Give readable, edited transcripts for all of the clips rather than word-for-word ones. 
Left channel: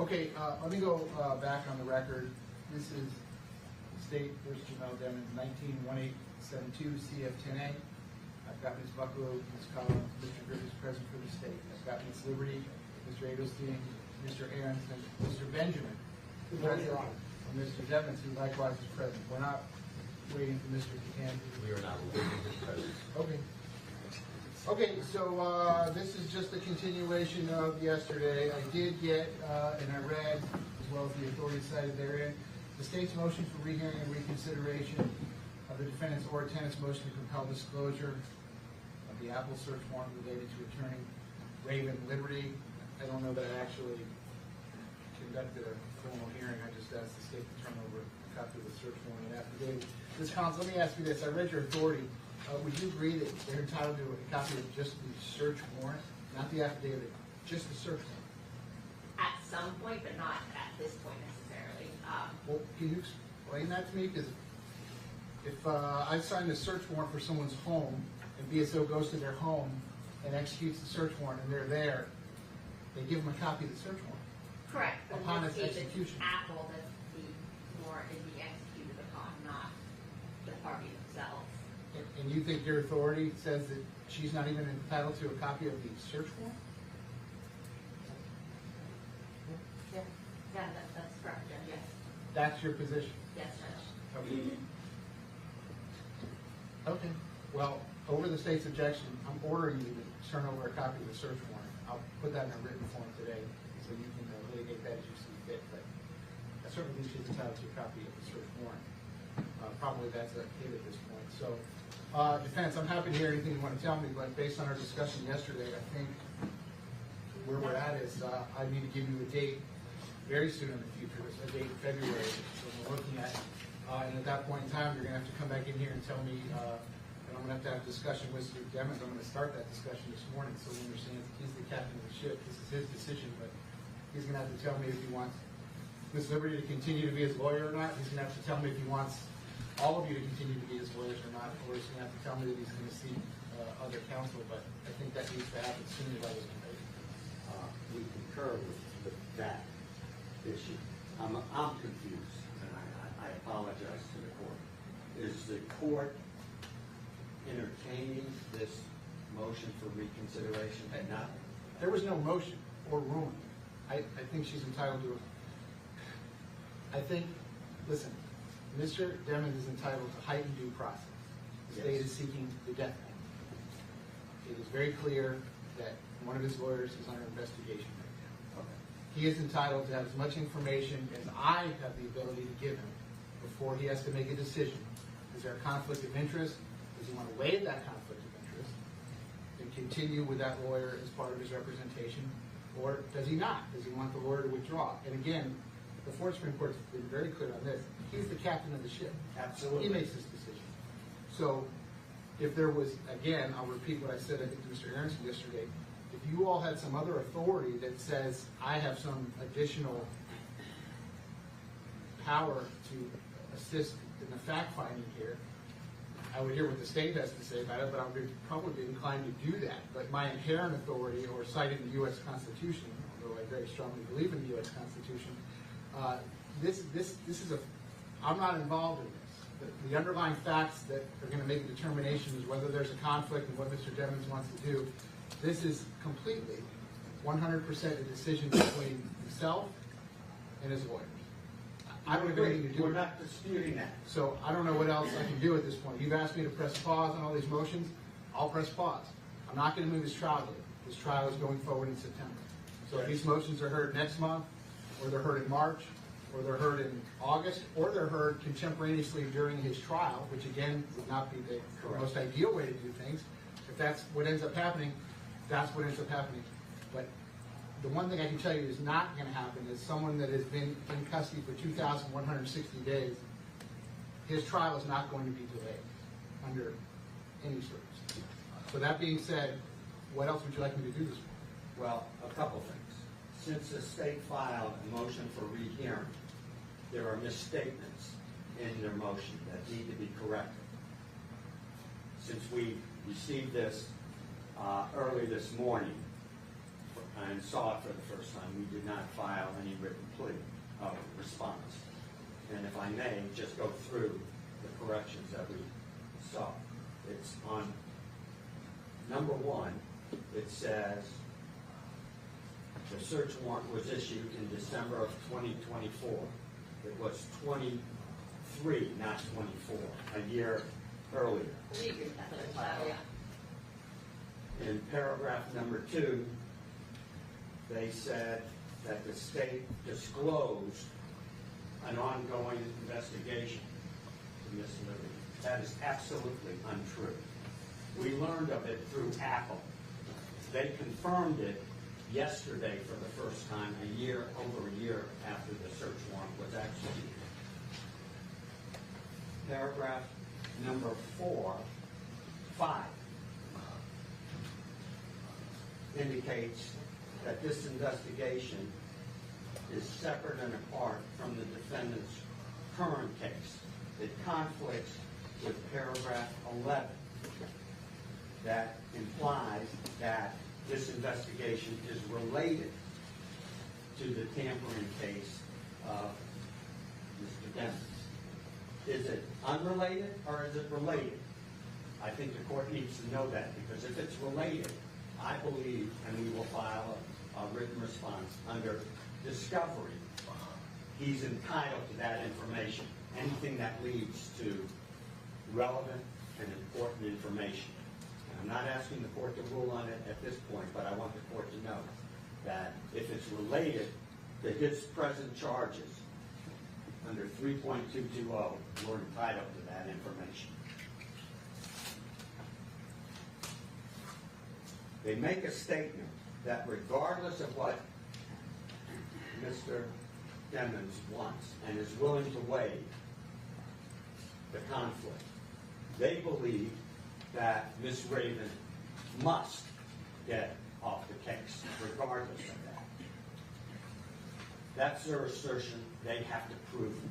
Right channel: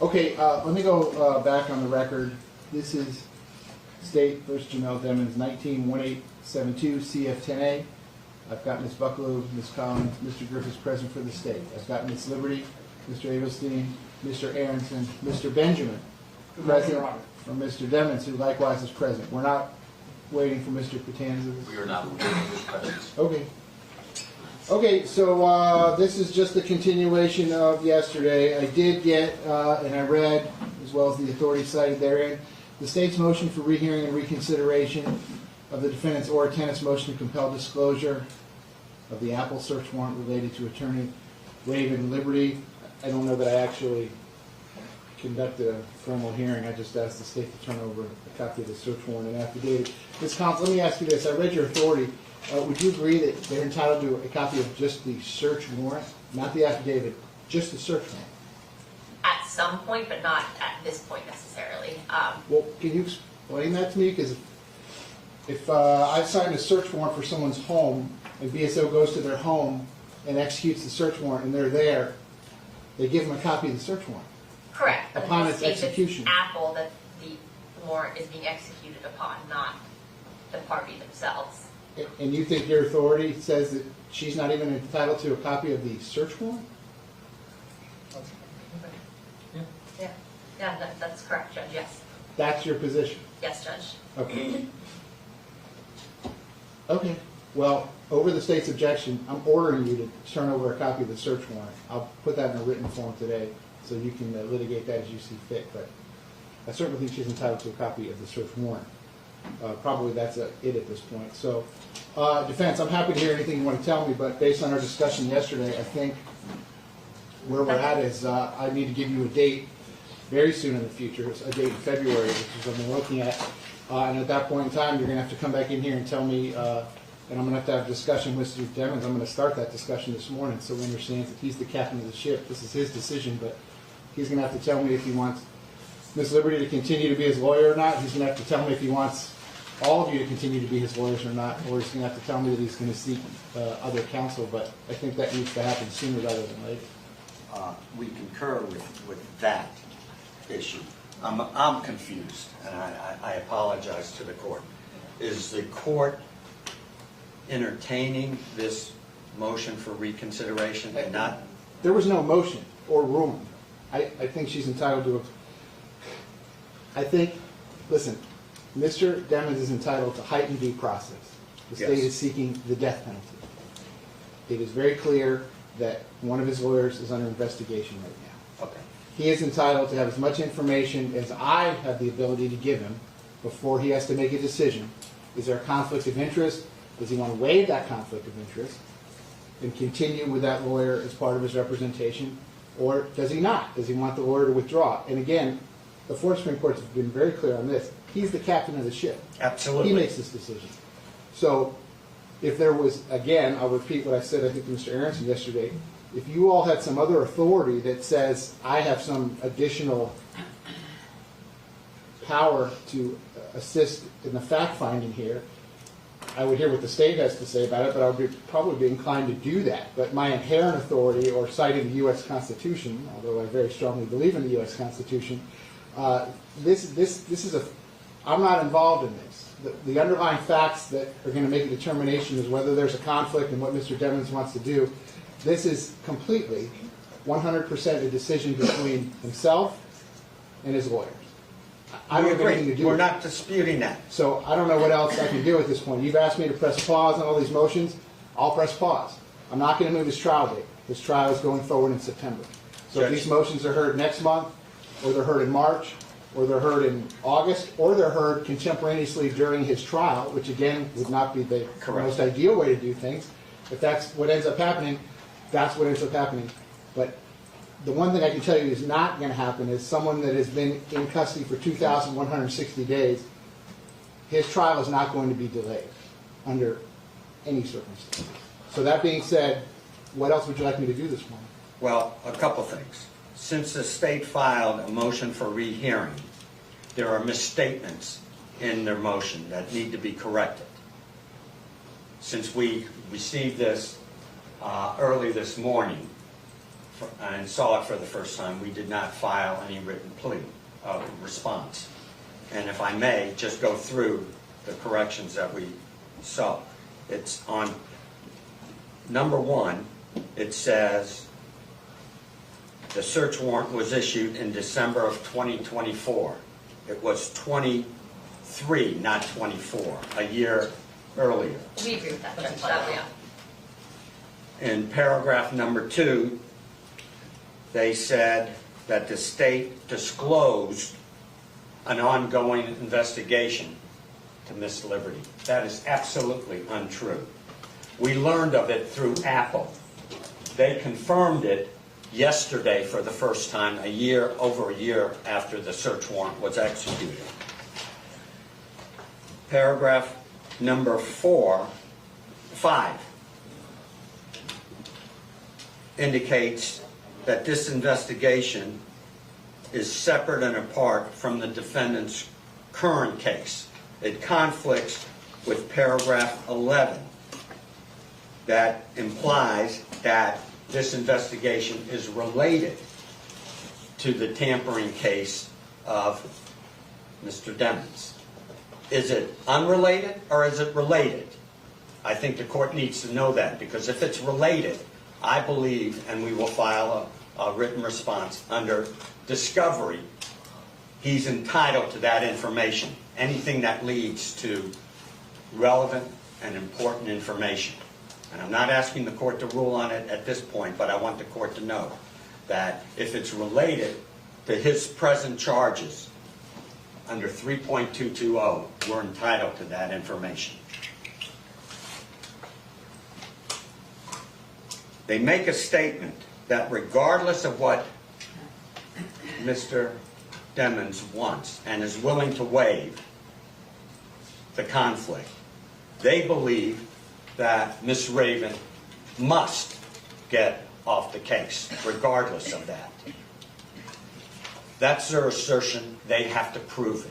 Okay, let me go back on the record. This is State versus Jamell Demons, 19-1872 CF10A. I've got Ms. Bucklow, Ms. Collins, Mr. Griffiths present for the state. I've got Ms. Liberty, Mr. Abelstein, Mr. Aronson, Mr. Benjamin, present from Mr. Demons, who likewise is present. We're not waiting for Mr. Catanza. We are not waiting for his presence. Okay. Okay, so this is just a continuation of yesterday. I did get, and I read, as well as the authority cited therein, the state's motion for rehearing and reconsideration of the defendant's or tenant's motion to compel disclosure of the Apple search warrant related to Attorney Raven Liberty. I don't know that I actually conducted a formal hearing. I just asked the state to turn over a copy of the search warrant and affidavit. Ms. Collins, let me ask you this. I read your authority. Would you agree that they're entitled to a copy of just the search warrant, not the affidavit, just the search warrant? At some point, but not at this point necessarily. Well, can you explain that to me? Because if I sign a search warrant for someone's home, and BSO goes to their home and executes the search warrant, and they're there, they give them a copy of the search warrant. Correct. But Upon in its this case, execution. It's Apple that the warrant is being executed upon, not the party themselves. And you think your authority says that she's not even entitled to a copy of the search warrant? Yeah, that's correct, Judge, yes. That's your position? Yes, Judge. Okay. Okay. Well, over the state's objection, I'm ordering you to turn over a copy of the search warrant. I'll put that in a written form today so you can litigate that as you see fit. But I certainly think she's entitled to a copy of the search warrant. Probably that's it at this point. So, defense, I'm happy to hear anything you want to tell me, but based on our discussion yesterday, I think where we're at is I need to give you a date very soon in the future, a date in February, which is what we're looking at. And at that point in time, you're going to have to come back in here and tell me, and I'm going to have a discussion with Mr. Demons. I'm going to start that discussion this morning so he understands that he's the captain of the ship. This is his decision, but he's going to have to tell me if he wants Ms. Liberty to continue to be his lawyer or not. He's going to have to tell me if he wants all of you to continue to be his lawyers or not, or he's going to have to tell me that he's going to seek other counsel, but I think that needs to happen sooner rather than later. We concur with that issue. I'm confused, and I apologize to the court. Is the court entertaining this motion for reconsideration and not? There was no motion or ruling. I think she's entitled to I think, listen, Mr. Demons is entitled to heightened due process. The state is seeking the death penalty. It is very clear that one of his lawyers is under investigation right now. Okay. He is entitled to have as much information as I have the ability to give him before he has to make a decision. Is there a conflict of interest? Does he want to waive that conflict of interest and continue with that lawyer as part of his representation? Or does he not? Does he want the lawyer to withdraw? And again, the four Supreme Courts have been very clear on this. He's the captain of the ship. Absolutely. He makes this decision. So if there was, again, I'll repeat what I said, I think, to Mr. Aronson yesterday, if you all had some other authority that says I have some additional power to assist in the fact-finding here, I would hear what the state has to say about it, but I would probably be inclined to do that. But my inherent authority, or citing the U.S. Constitution, although I very strongly believe in the U.S. Constitution, this is I'm not involved in this. The underlying facts that are going to make a determination is whether there's a conflict and what Mr. Demons wants to do. This is completely 100% a decision between himself and his lawyers. I don't have anything to do with it. We're not disputing that. So I don't know what else I can do at this point. You've asked me to press pause on all these motions. I'll press pause. I'm not going to move this trial date. This trial is going forward in September. So if these motions are heard next month, or they're heard in March, or they're heard in August, or they're heard contemporaneously during his trial, which again would not be the most ideal way to do things. If that's what ends up happening, that's what ends up happening. But the one thing I can tell you is not going to happen is someone that has been in custody for 2,160 days, his trial is not going to be delayed under any circumstance. So that being said, what else would you like me to do this morning? Well, a couple things. Since the state filed a motion for rehearing, there are misstatements in their motion that need to be corrected. Since we received this early this morning and saw it for the first time, we did not file any written plea response. And if I may, just go through the corrections that we saw. It's on number 1, it says the search warrant was issued in December of 2024. It was 23, not 24, a year earlier. We agree with that, that way up. In paragraph number 2, they said that the state disclosed an ongoing investigation to Miss Liberty. That is absolutely untrue. We learned of it through Apple. They confirmed it yesterday for the first time, over a year after the search warrant was executed. Paragraph number 5 indicates that this investigation is separate and apart from the defendant's current case. It conflicts with paragraph 11 that implies that this investigation is related to the tampering case of Mr. Demons. Is it unrelated or is it related? I think the court needs to know that, because if it's related, I believe, and we will file a written response under discovery, he's entitled to that information, anything that leads to relevant and important information. And I'm not asking the court to rule on it at this point, but I want the court to know that if it's related to his present charges under 3.220, we're entitled to that information. They make a statement that regardless of what Mr. Demons wants and is willing to waive the conflict, they believe that Ms. Raven must get off the case, regardless of that. That's their assertion. They have to prove it.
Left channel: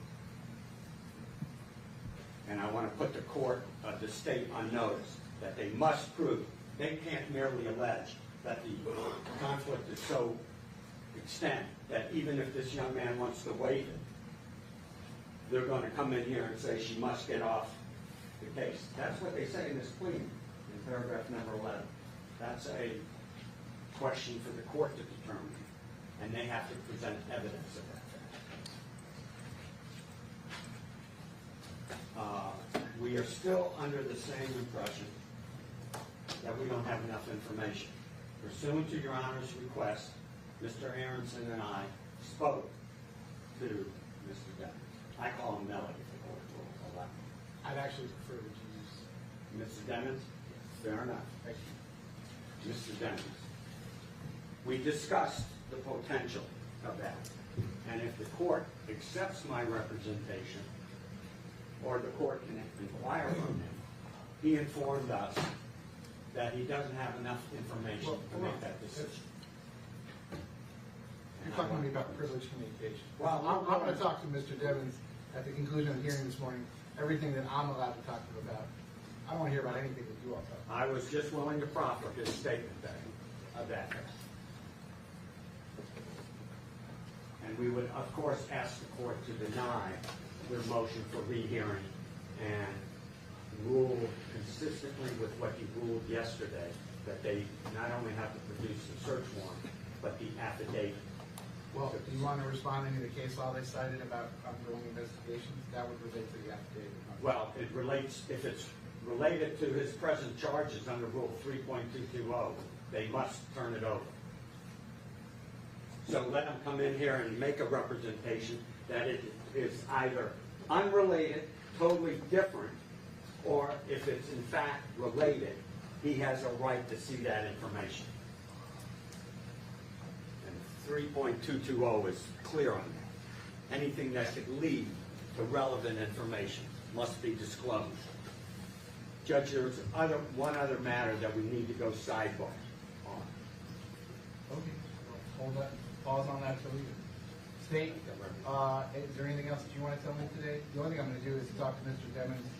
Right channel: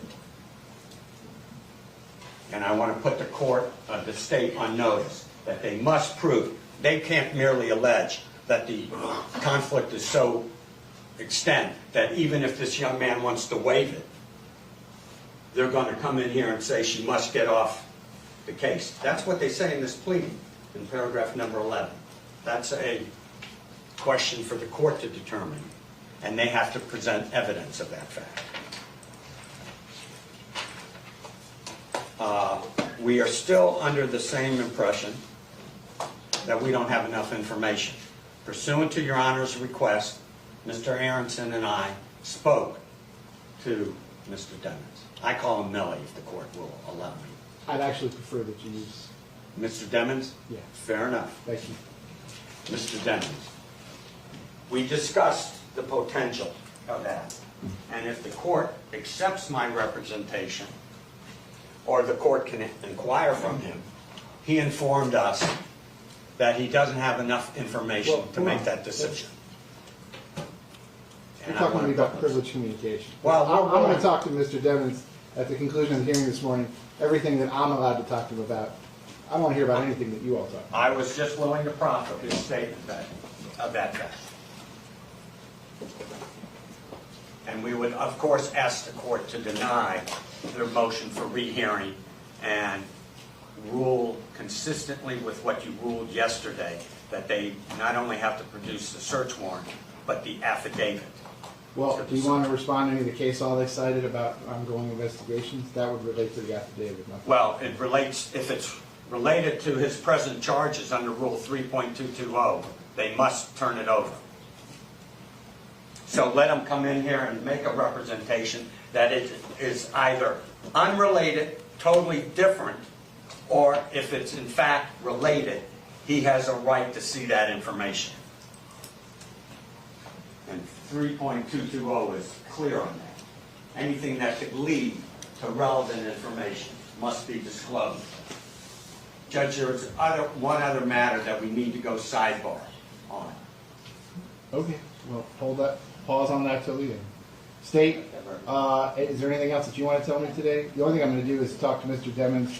And I want to put the court, the state, on notice that they must prove. They can't merely allege that the conflict is so extent that even if this young man wants to waive it, they're going to come in here and say she must get off the case. That's what they say in this plea in paragraph number 11. That's a question for the court to determine, and they have to present evidence of that fact. We are still under the same impression that we don't have enough information. Pursuant to Your Honor's request, Mr. Aronson and I spoke to Mr. Demons. I call him Melly if the court will allow me. I'd actually prefer that you use... Mr. Demons? Yeah. Fair enough. Thank you. Mr. Demons, we discussed the potential of that. And if the court accepts my representation, or the court can inquire from him, he informed us that he doesn't have enough information to make that decision. You're talking to me about privileged communication. Well, I'm going to talk to Mr. Demons at the conclusion of the hearing this morning, everything that I'm allowed to talk to him about. I don't want to hear about anything that you all talk about. I was just willing to profit his statement of that fact. And we would, of course, ask the court to deny their motion for rehearing and rule consistently with what you ruled yesterday, that they not only have to produce the search warrant, but the affidavit. Well, do you want to respond to any of the case law they cited about ongoing investigations? That would relate to the affidavit. Well, it relates, if it's related to his present charges under Rule 3.220, they must turn it over. So let them come in here and make a representation that it is either unrelated, totally different, or if it's in fact related, he has a right to see that information. And 3.220 is clear on that. Anything that could lead to relevant information must be disclosed. Judge, there is one other matter that we need to go sidebar on. Okay, well, hold that, pause on that till the end. State, is there anything else that you want to tell me today? The only thing I'm going to do is talk to Mr. Demons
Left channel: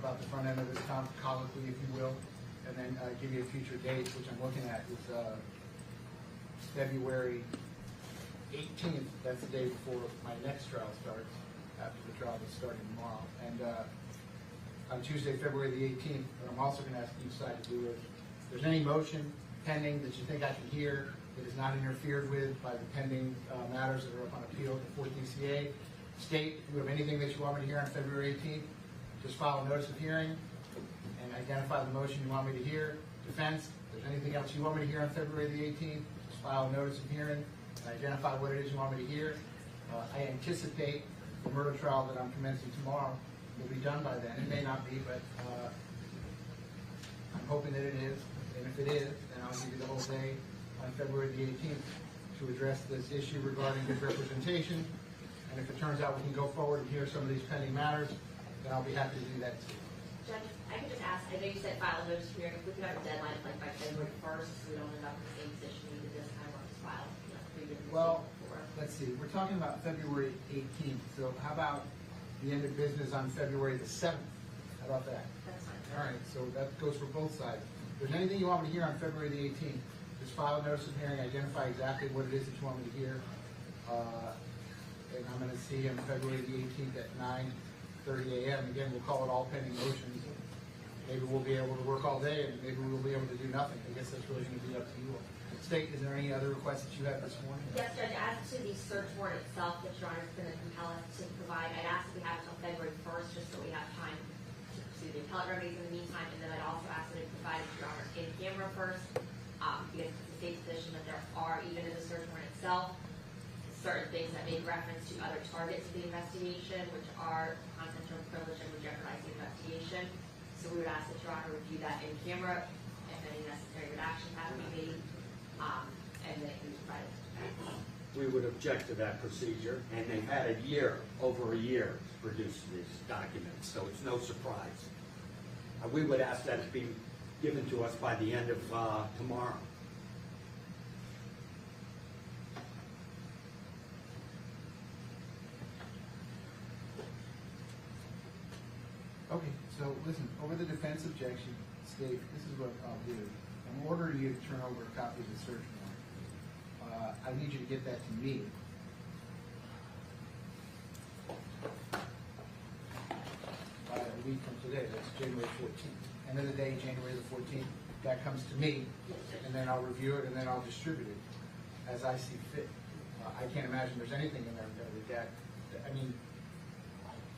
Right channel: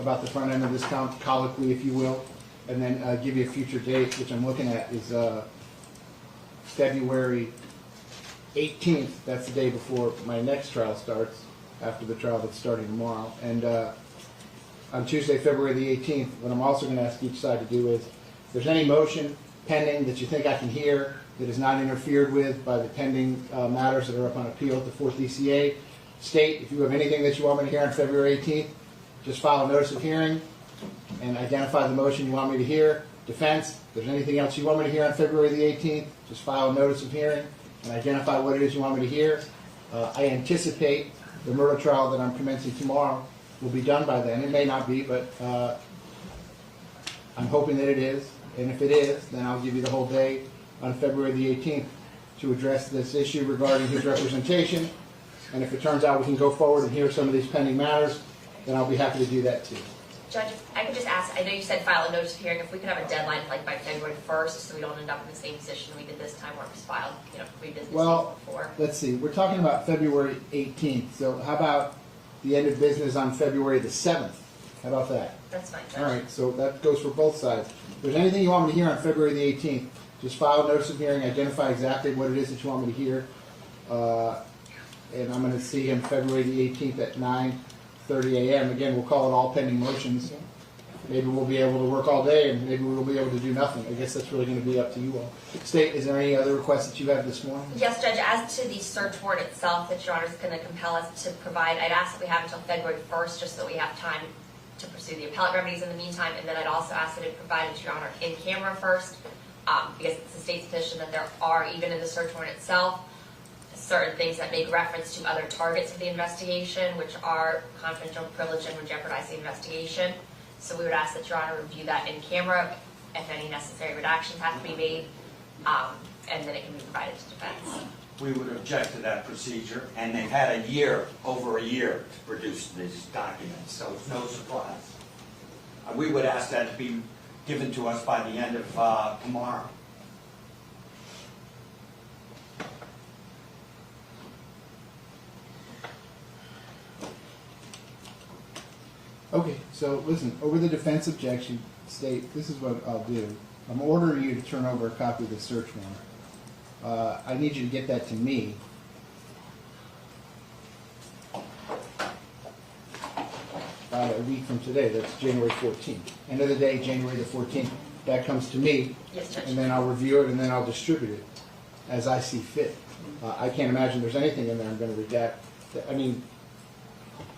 about the front end of this colloquy, if you will, and then give you a future date, which I'm looking at is February 18th, that's the day before my next trial starts, after the trial that's starting tomorrow. And on Tuesday, February the 18th, what I'm also going to ask each side to do is, if there's any motion pending that you think I can hear that is not interfered with by the pending matters that are up on appeal at the 4th DCA, state if you have anything that you want me to hear on February 18th, just file a notice of hearing and identify the motion you want me to hear. Defense, if there's anything else you want me to hear on February the 18th, just file a notice of hearing and identify what it is you want me to hear. I anticipate the murder trial that I'm commencing tomorrow will be done by then. It may not be, but I'm hoping that it is. And if it is, then I'll give you the whole day on February the 18th to address this issue regarding his representation. And if it turns out we can go forward and hear some of these pending matters, then I'll be happy to do that too. Judge, I can just ask, I know you said file a notice of hearing, if we could have a deadline like by February 1st, so we don't end up in the same position we did this time where it was filed, 3 business days Well, before. let's see, we're talking about February 18th, so how about the end of business on February the 7th? How about that? That's fine, Judge. All right, so that goes for both sides. If there's anything you want me to hear on February the 18th, just file a notice of hearing, identify exactly what it is that you want me to hear. And I'm gonna see him February the 18th at 9:30 a.m. Again, we'll call it all pending motions. Maybe we'll be able to work all day, and maybe we'll be able to do nothing. I guess that's really gonna be up to you all. State, is there any other requests that you have this morning? Yes, Judge, as to the search warrant itself that Your Honor is going to compel us to provide, I'd ask that we have until February 1st, just so we have time to pursue the appellate remedies in the meantime, and then I'd also ask that it provide it to Your Honor in camera first, because it's the state's position that there are, even in the search warrant itself, certain things that make reference to other targets of the investigation, which are confidential, privilege, and would jeopardize the investigation. So we would ask that Your Honor review that in camera, if any necessary redactions have to be made, and then it can be provided to defense. We would object to that procedure, and they've had a year, over a year, to produce these documents, so it's no surprise. We would ask that to be given to us by the end of tomorrow. Okay, so listen, over the defense objection, state, this is what I'll do. I'm ordering you to turn over a copy of the search warrant. I need you to get that to me. A week from today, that's January 14th. End of the day, January the 14th, that comes to me, Yes, Judge. and then I'll review it, and then I'll distribute it as I see fit. I can't imagine there's anything in there I'm gonna redact. I mean,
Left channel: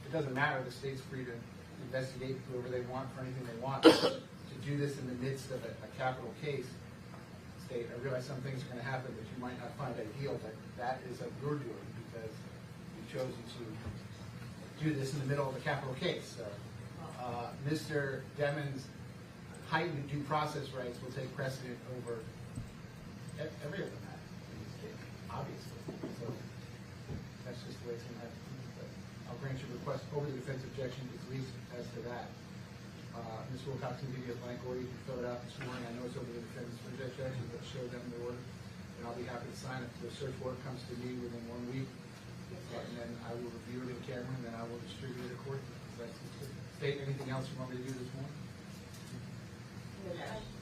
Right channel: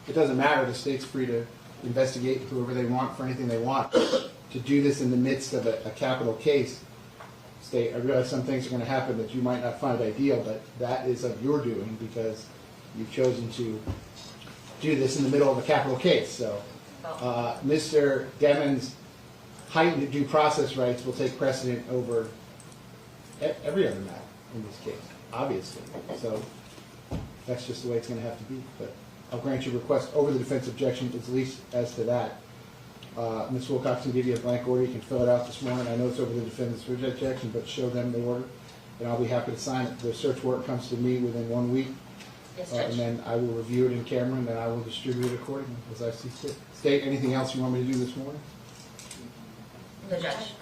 it doesn't matter, the state's free to investigate whoever they want for anything they want. To do this in the midst of a capital case, state, I realize some things are gonna happen that you might not find ideal, but that is of your doing because you've chosen to do this in the middle of a capital case, so. Mr. Demon's heightened due process rights will take precedent over every other matter in this case, obviously. So that's just the way it's gonna have to be, but I'll grant your request over the defense objection, at least as to that. Ms. Wilcox can give you a blank order, you can fill it out this morning. I know it's over the defendant's objection, but show them the order, and I'll be happy to sign it. The search warrant comes to me within 1 week. Yes, And Judge. then I will review it in camera, and then I will distribute it accordingly, as I see fit. State, anything else you want me to do this morning? The judge.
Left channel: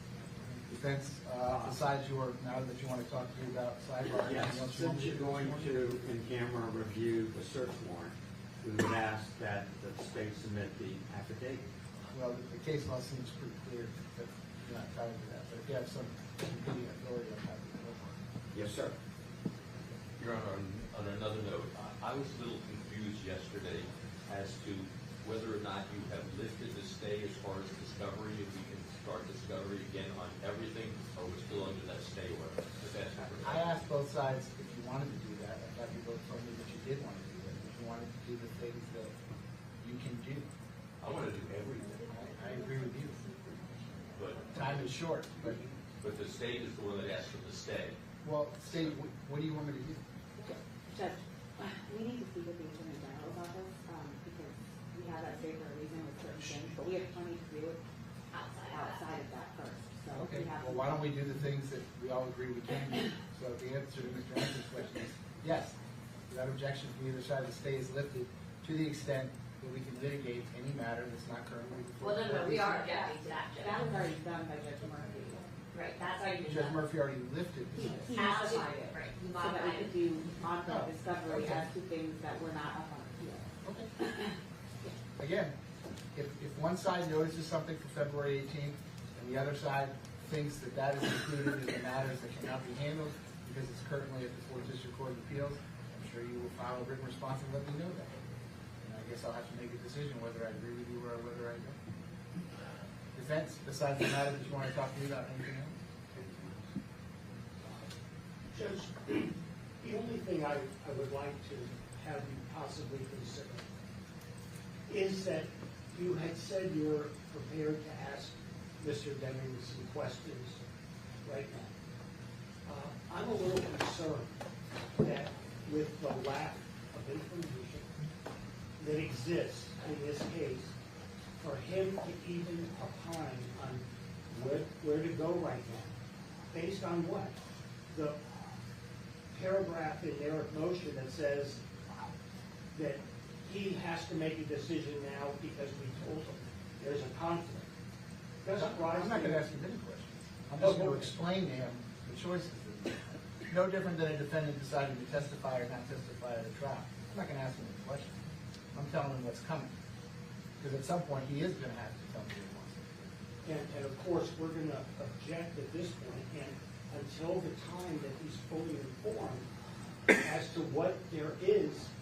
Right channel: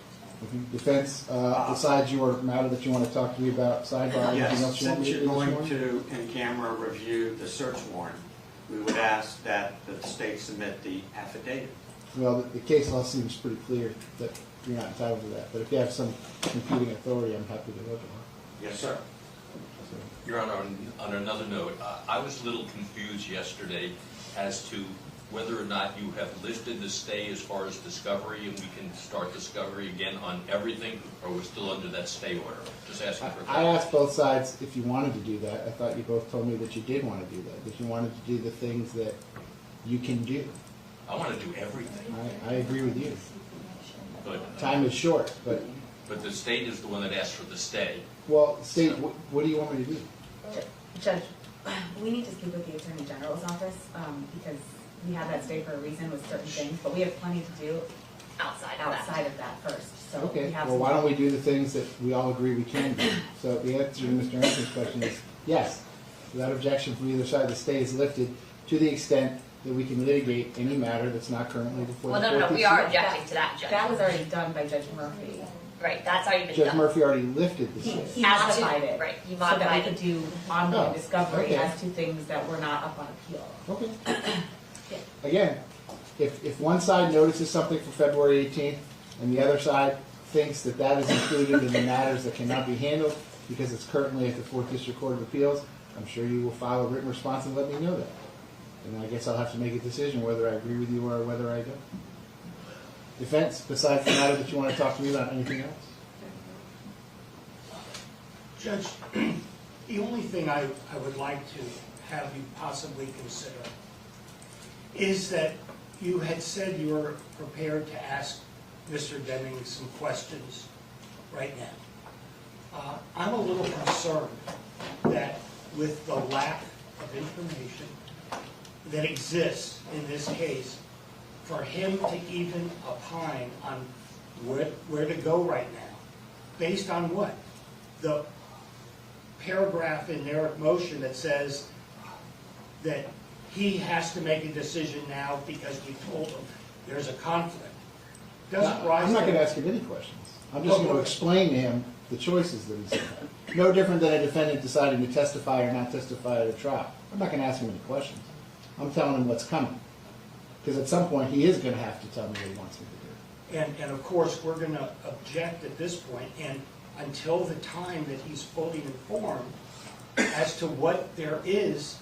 Defense, besides your matter that you want to talk to me about, sidebar, anything Yes, else you want since me to you're do this going morning? to, in camera, review the search warrant, we would ask that the state submit the affidavit. Well, the case law seems pretty clear that you're not entitled to that, but if you have some competing authority, I'm happy to look at Yes, sir. it. Your Honor, on another note, I was a little confused yesterday as to whether or not you have lifted the stay as far as discovery, and we can start discovery again on everything, or are we still under that stay order? Just asking for I asked both sides if you wanted to do that. I thought you both told me that you did want to do that, that you wanted to do the things that you can do. I want to do everything, I agree with you. but Time is short, but, the state is the one that asked for the stay. well, state, what do you want me to do? Judge, we need to speak with the Attorney General's office, because we have that stay for a reason with certain things, but we have plenty to do Outside of that. outside of that first, so. we Okay, have well, why some- don't we do the things that we all agree we can do? So the answer to Mr. Anderson's question is yes, without objection from either side, the stay is lifted to the extent that we can litigate any matter that's not currently before the Well, court. no, we are objecting to that, Judge. That was already done by Judge Murphy. Right, that's already been Judge done. Murphy already lifted the stay. He As to- modified it. right, he So that we modified could it. do ongoing Oh, discovery okay. as to things that were not up on appeal. Okay. Again, if one side notices something for February 18th, and the other side thinks that that is included in the matters that cannot be handled because it's currently at the 4th District Court of Appeals, I'm sure you will file a written response and let me know that. And I guess I'll have to make a decision whether I agree with you or whether I don't. Defense, besides the matter that you want to talk to me about, anything else? Judge, the only thing I would like to have you possibly consider is that you had said you were prepared to ask Mr. Deming some questions right now. I'm a little concerned that with the lack of information that exists in this case, for him to even opine on where to go right now, based on what? The paragraph in their motion that says that he has to make a decision now because we told him there's a conflict. Doesn't rise I'm not to- going to ask him any questions. I'm just going to explain to him the choices that he's made. No different than a defendant deciding to testify or not testify at a trial. I'm not going to ask him any questions. I'm telling him what's coming. Because at some point, he is going to have to tell me what he wants me to do. And of course, we're going to object at this point, and until the time that he's fully informed as to what there is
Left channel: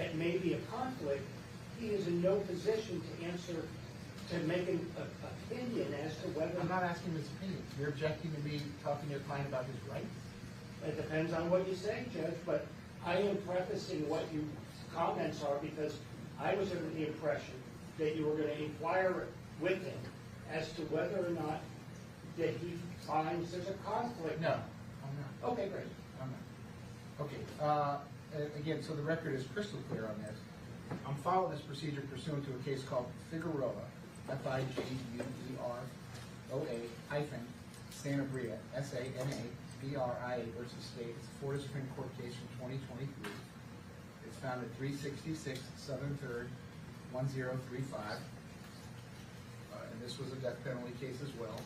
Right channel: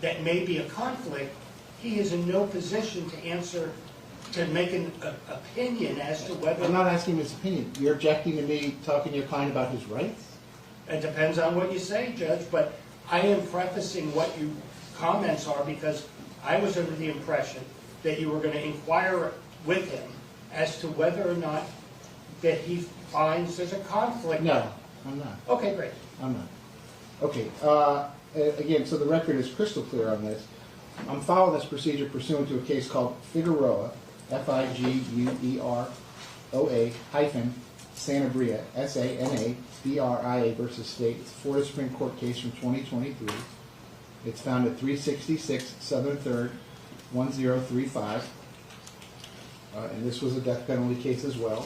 that may be a conflict, he is in no position to answer, to make an opinion as to whether. I'm not asking his opinion. You're objecting to me talking to your client about his rights? It depends on what you say, Judge, but I am prefacing what your comments are because I was under the impression that you were going to inquire with him as to whether or not that he finds there's a conflict. No, I'm not. Okay, great. I'm not. Okay, again, so the record is crystal clear on this. I'm following this procedure pursuant to a case called Figueroa, Figueroa hyphen Sanabria, Sanabria versus State. It's a Florida Supreme Court case from 2023. It's found at 366 Southern 3rd, 1035. And this was a death penalty case as well.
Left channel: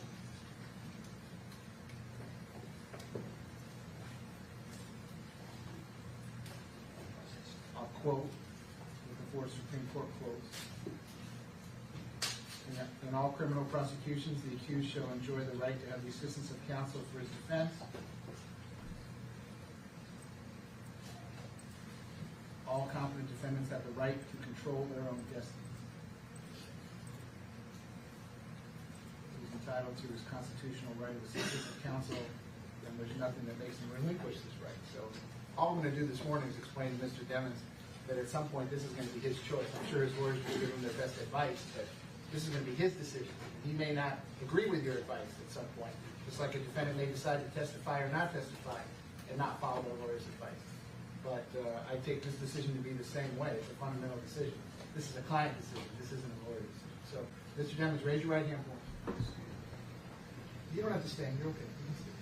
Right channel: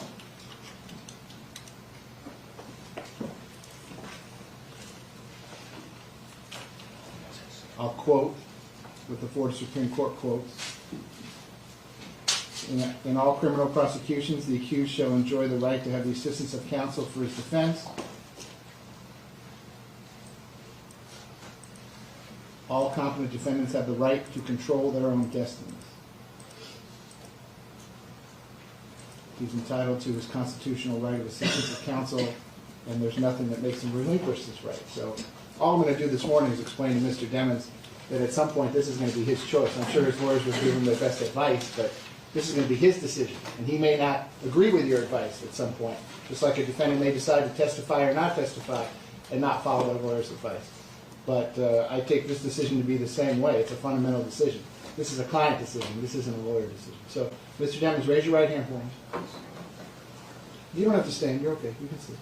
I'll quote what the Florida Supreme Court quotes. In all criminal prosecutions, the accused shall enjoy the right to have the assistance of counsel for his defense. All competent defendants have the right to control their own destinies. He's entitled to his constitutional right of assistance of counsel, and there's nothing that makes him relinquish this right. So all I'm going to do this morning is explain to Mr. Demons that at some point this is going to be his choice. I'm sure his lawyers will give him their best advice, but this is going to be his decision. And he may not agree with your advice at some point, just like a defendant may decide to testify or not testify and not follow a lawyer's advice. But I take this decision to be the same way. It's a fundamental decision. This is a client decision. This isn't a lawyer decision. So, Mr. Demons, raise your right hand for me. You don't have to stand. You're okay. You can sit.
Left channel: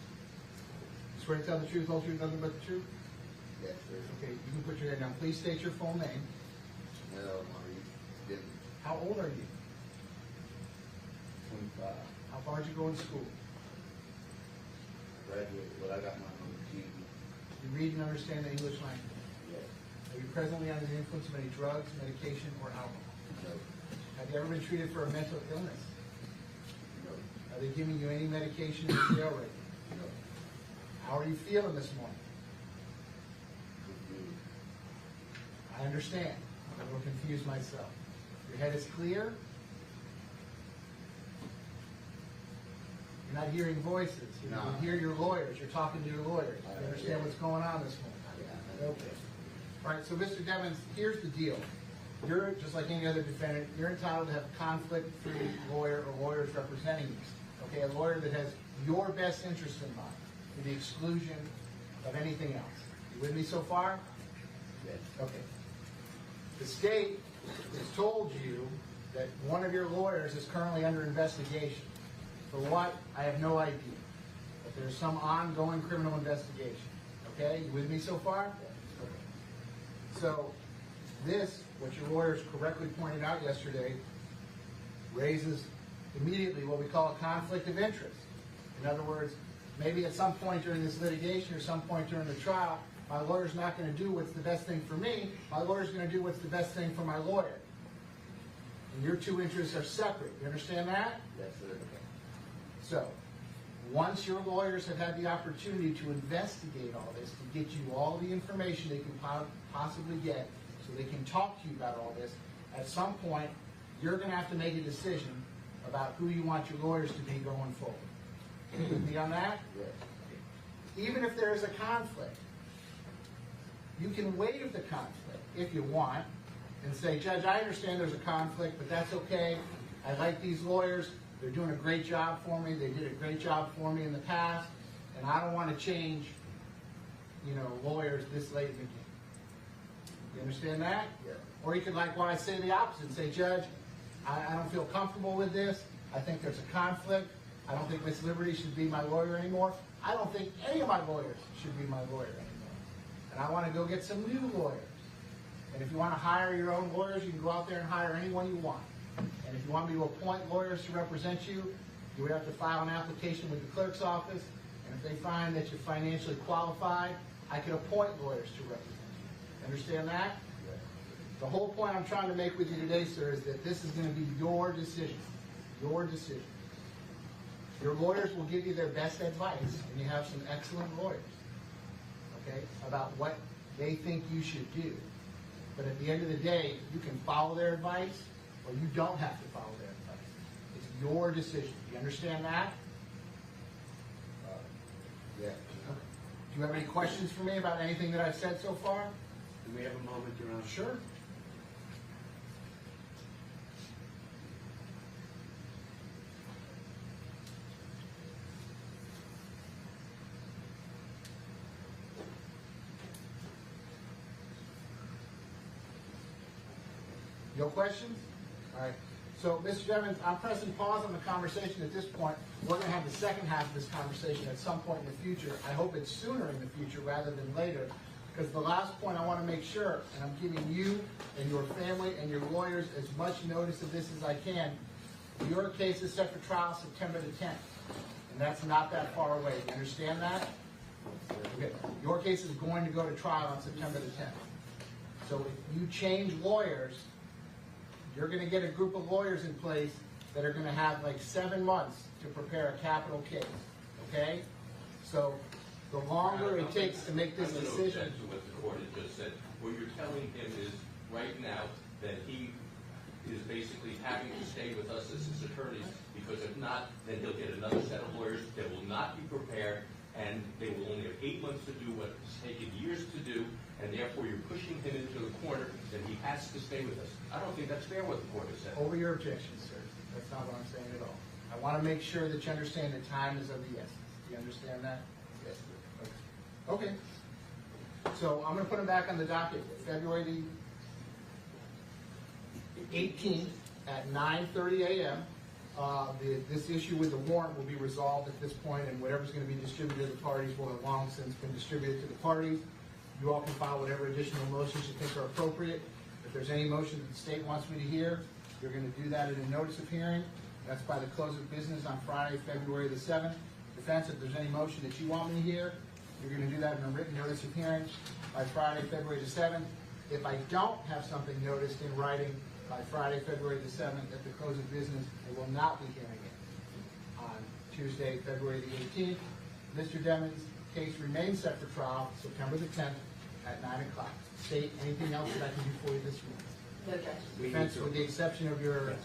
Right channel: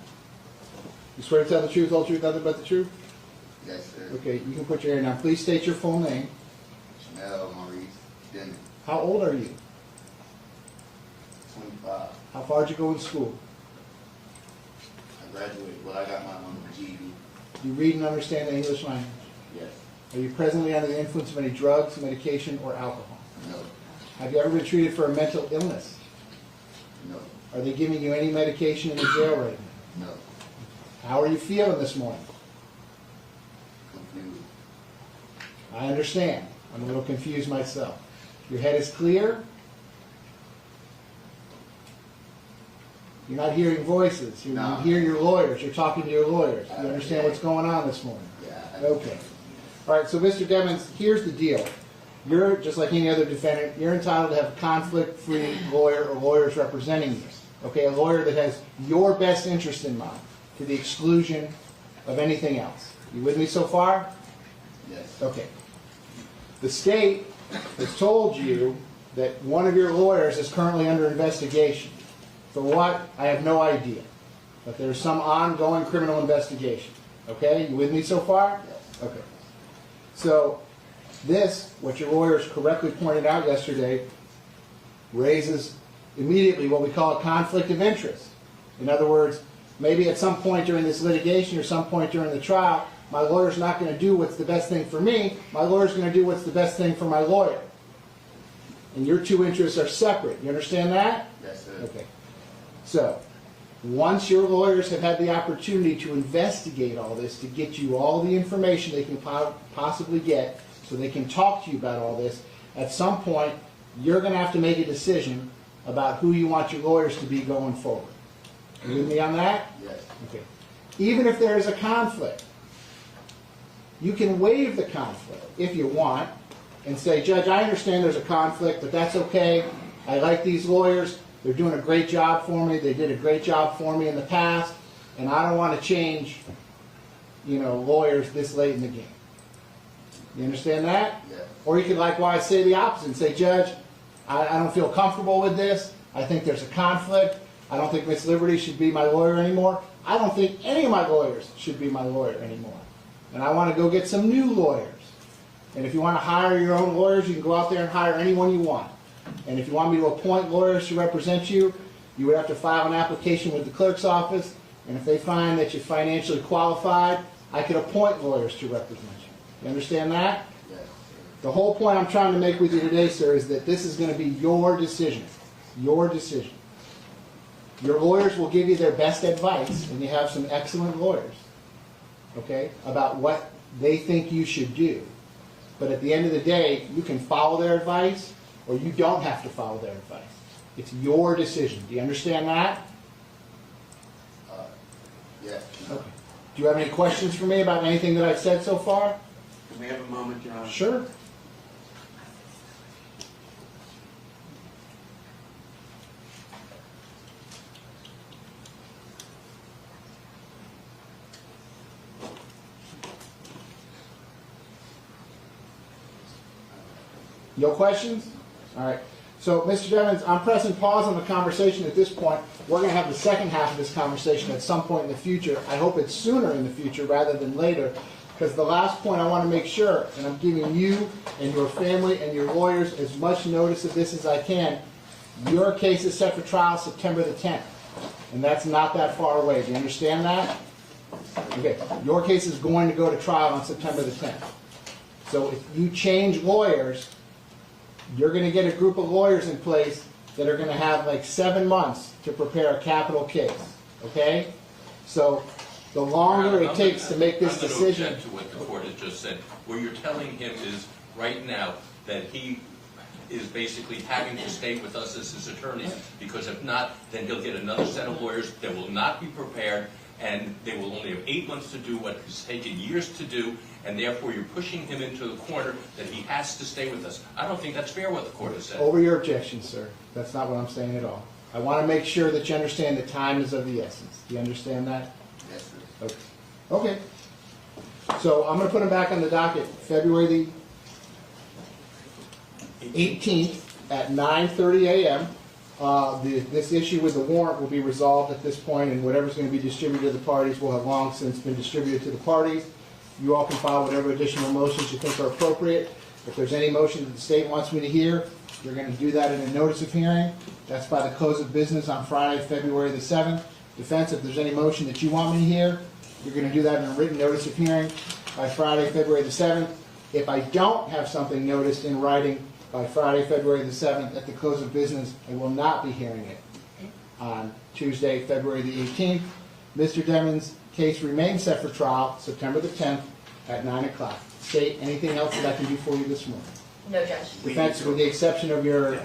You swear to tell the truth, whole truth, nothing but the truth? Yes, sir. Okay, you can put your hand down. Please state your full name. Jamell, Maurice, Jim, How old are you? 25. How far did you go in school? I graduated, well, I got my own GED. Do you read and understand the English language? Yes. Are you presently under the influence of any drugs, medication, or alcohol? No. Have you ever been treated for a mental illness? No. Are they giving you any medication in the jail right now? No. How are you feeling this morning? Confused. I understand. I'm a little confused myself. Your head is clear? You're not hearing voices. You No. hear your lawyers. You're talking to your lawyers. You understand what's going on this morning? Yeah. Okay. All right, so Mr. Demons, here's the deal. You're, just like any other defendant, you're entitled to have a conflict-free lawyer or lawyers representing you. Okay, a lawyer that has your best interest in mind for the exclusion of anything else. You with me so far? Yes. Okay. The state has told you that one of your lawyers is currently under investigation. For what? I have no idea. But there's some ongoing criminal investigation. Okay? You with me so far? Yes. Okay. So, this, what your lawyers correctly pointed out yesterday, raises immediately what we call a conflict of interest. In other words, maybe at some point during this litigation or some point during the trial, my lawyer's not gonna do what's the best thing for me, my lawyer's gonna do what's the best thing for my lawyer. And your two interests are separate, you understand that? Yes, sir. Okay. So, once your lawyers have had the opportunity to investigate all this, to get you all the information they can possibly get, so they can talk to you about all this, at some point, you're gonna have to make a decision about who you want your lawyers to be going forward. You with me on that? Yes. Okay. Even if there is a conflict, you can waive the conflict if you want and say, Judge, I understand there's a conflict, but that's okay. I like these lawyers. They're doing a great job for me. They did a great job for me in the past, and I don't want to change, lawyers this late in the game. You understand that? Yes. Or you could likewise say the opposite and say, Judge, I don't feel comfortable with this. I think there's a conflict. I don't think Miss Liberty should be my lawyer anymore. I don't think any of my lawyers should be my lawyer anymore. And I want to go get some new lawyers. And if you want to hire your own lawyers, you can go out there and hire anyone you want. And if you want me to appoint lawyers to represent you, you would have to file an application with the clerk's office. And if they find that you're financially qualified, I could appoint lawyers to represent you. You understand that? Yes. The whole point I'm trying to make with you today, sir, is that this is going to be your decision. Your decision. Your lawyers will give you their best advice, and you have some excellent lawyers, okay, about what they think you should do. But at the end of the day, you can follow their advice, or you don't have to follow their advice. It's your decision. Do you understand that? Yes. Okay. Do you have any questions for me about anything that I've said so far? May I have a moment, John? Sure. No questions? All right. So, Mr. Jennings, I'm pressing pause on the conversation at this point. We're going to have the second half of this conversation at some point in the future. I hope it's sooner in the future rather than later, because the last point I want to make sure, and I'm giving you and your family and your lawyers as much notice of this as I can, your case is set for trial September the 10th, and that's not that far away. Do you understand that? Okay. Your case is going to go to trial on September the 10th. So if you change lawyers, you're going to get a group of lawyers in place that are going to have like 7 months to prepare a capital case, okay? So the longer it takes to make this decision... I'm going to object to what the court has just said. What you're telling him is, right now, that he is basically having to stay with us as his attorney, because if not, then he'll get another set of lawyers that will not be prepared, and they will only have 8 months to do what has taken years to do, and therefore you're pushing him into the corner that he has to stay with us. I don't think that's fair what the court has said. Over your objection, sir. That's not what I'm saying at all. I want to make sure that you understand that time is of the essence. Do you understand that? Yes, sir. Okay. So I'm going to put them back on the docket February the 18th at 9:30 a.m. This issue with the warrant will be resolved at this point, and whatever's going to be distributed to the parties will have long since been distributed to the parties. You all can file whatever additional motions you think are appropriate. If there's any motion that the state wants me to hear, you're going to do that in a notice of hearing. That's by the close of business on Friday, February the 7th. Defense, if there's any motion that you want me to hear, you're going to do that in a written notice of hearing by Friday, February the 7th. If I don't have something noticed in writing by Friday, February the 7th at the close of business, I will not be hearing it on Tuesday, February the 18th. Mr. Deming's case remains set for trial September the 10th at 9 o'clock. State, anything else that I can do for you this morning? No, Judge. Defense, with the exception of your,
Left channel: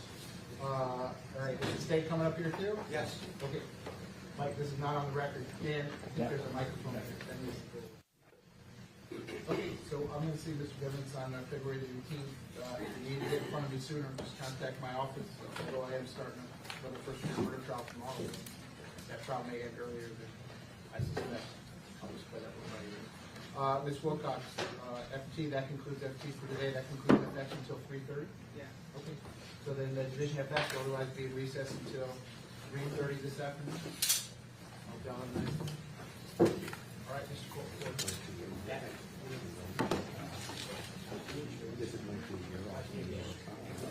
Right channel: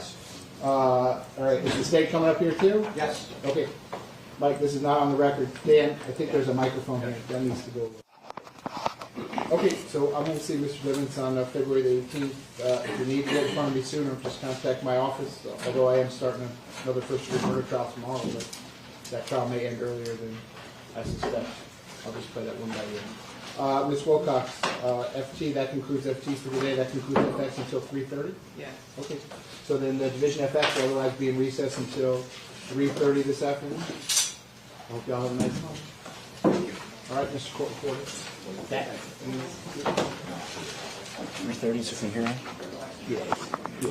all right, is the state coming up here too? Yes. Okay. Mike, this is not on the record. Dan, I think there's a microphone here. That needs to go. Okay, so I'm going to see Mr. Livens on February the 18th. If you need to get in front of me sooner, just contact my office, although I am starting another first-degree murder trial tomorrow, but that trial may end earlier than I suspect. I'll just play that one by ear. Ms. Wilcox, FT, that concludes FT for today. That concludes FX until 3:30? Yeah. Okay. So then the Division FX will otherwise be in recess until 3:30 this afternoon. Hope y'all have a nice one. All right, Mr. Court Reporter. Number 30 is from here on? Yeah.